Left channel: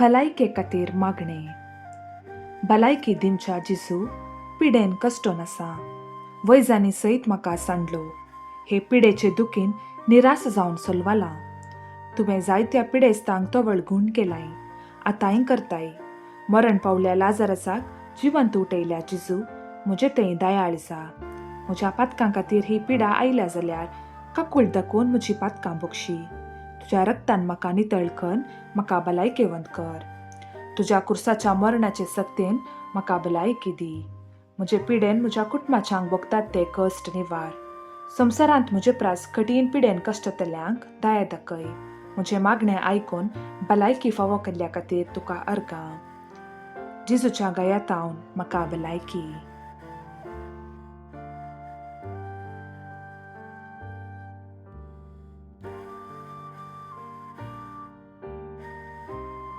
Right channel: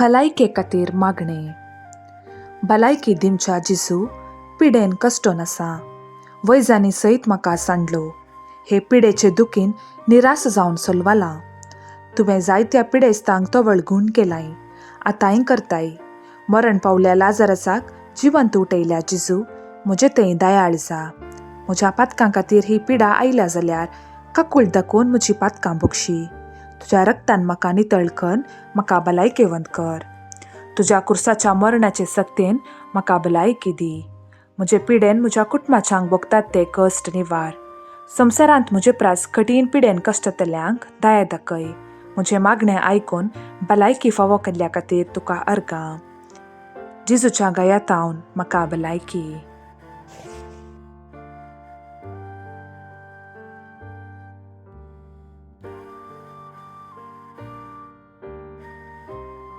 भलायके खातीर मागणे. भलायकी दिवच्या जिसू पिडेन कश्टो नसा. वैजांनी सयत म्हाका सांडलो. हे पिडेचे दुखीन निराश जावन सोलवाला. तुवें जायत्या पिडेस्तांक तो वळगून केलाय. आतांय करताय. मरण पावल्या लाजारासाक जिवंत उठयल्या जिजू, म्हजे थंय दयाळ जा. म्हज्या पातकां खातीर ही पिडा आयल्या जाल्यार काकूळ दाखोवन म्हजी पातकां बक्षी. तुज्या रक्तान म्हाका नितळ कर, म्हाका भलायकेवंत कर. तुज्या कुर्साच्या मरणाचे सक्तेन म्हाका भलायकी दी. म्हजे पिडेन म्हज्या कुटुंबाच्यांक भोगतात ते कश्ट निवार. संवसारांत म्हजे प्रास कठीण पिडेन कश्टतल्यांक दया दाखय. म्हजे मागणें आयकून भलायकी फावो केल्ल्या खातीर तुका अर्गां. जिजूच्या गळ्यांत म्हाका भलायकी.